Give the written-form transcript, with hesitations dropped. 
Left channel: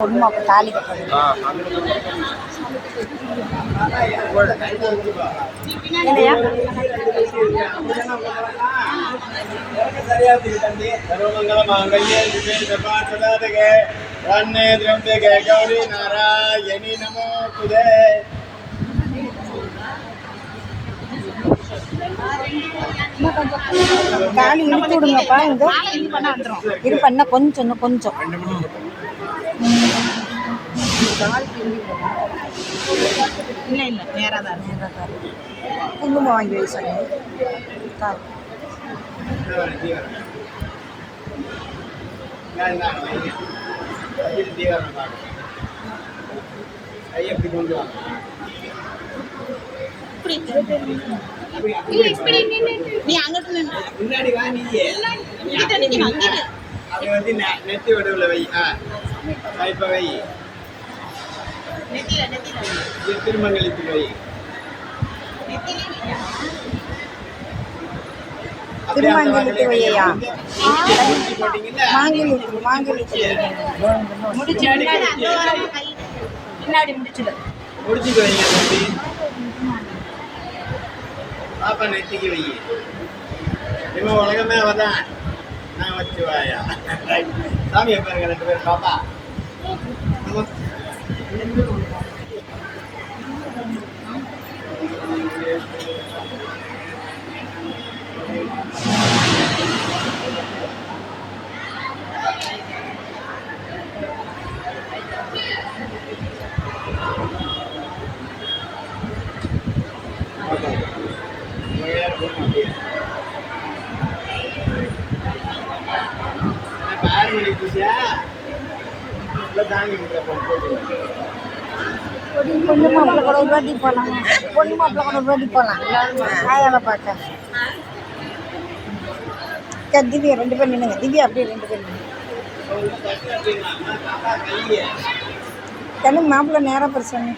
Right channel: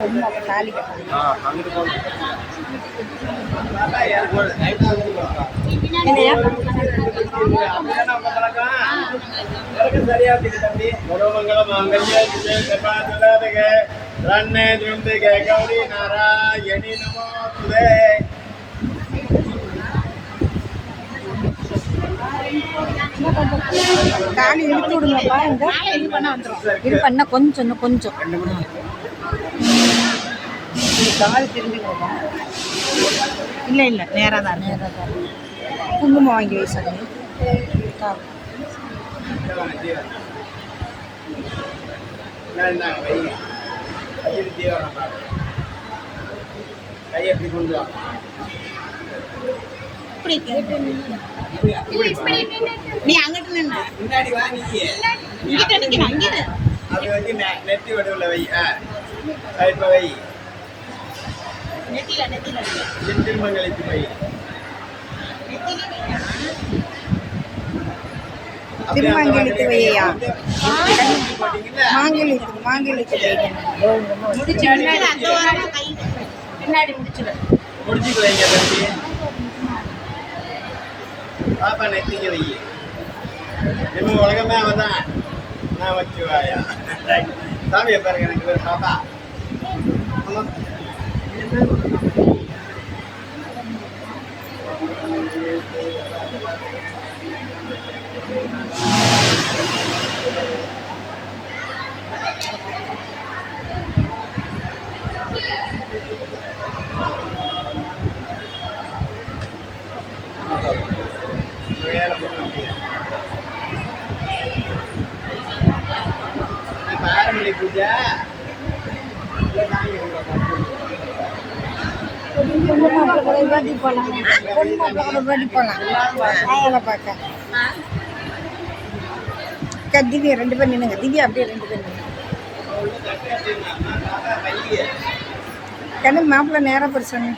பொண்ணு அப்போ தாலி கட்டணும். தாலி இழுத்து விடுங்கப்பா. இந்த இது பண்ண கொஞ்சம் இன்னும் கொஞ்சம் தாலி திரும்பிடுவோமா? இல்லை இல்லை, நேராக தான் குங்குமம் வாங்கி வை சொல்லி நீ அங்கிட்டு முன்னாடி வா. நீ நெத்தி விடவுல வை. இப்ப வை திருமங்கலத்து வை. திருமாங்கலத்து வையா? மாங்கலத்து வை. பின்னாடி முடிச்சுக்க வைங்க. பாப்பா நெத்திக்கு வை. இன்னும் உலகமே அவதான். நான் வச்சு வாயா சாமியை பாருங்க. ரெண்டு பேரும் பாப்பா பாரம்பரிய பூஜா பொண்ணு மாப்பிள்ள கூட ஒரு வாட்டி போகலாம். பொண்ணு மாப்பிள்ள கூட ஒரு வாட்டி போகலாம். ஆயால பார்க்க திவ்யா ரெண்டு பேர் நின்னுங்க. திவ்யா அப்படியே ரெண்டு பேர் நின்னுங்க. கண்ணு மாப்பிள்ள நேரம் பிரச்சனை.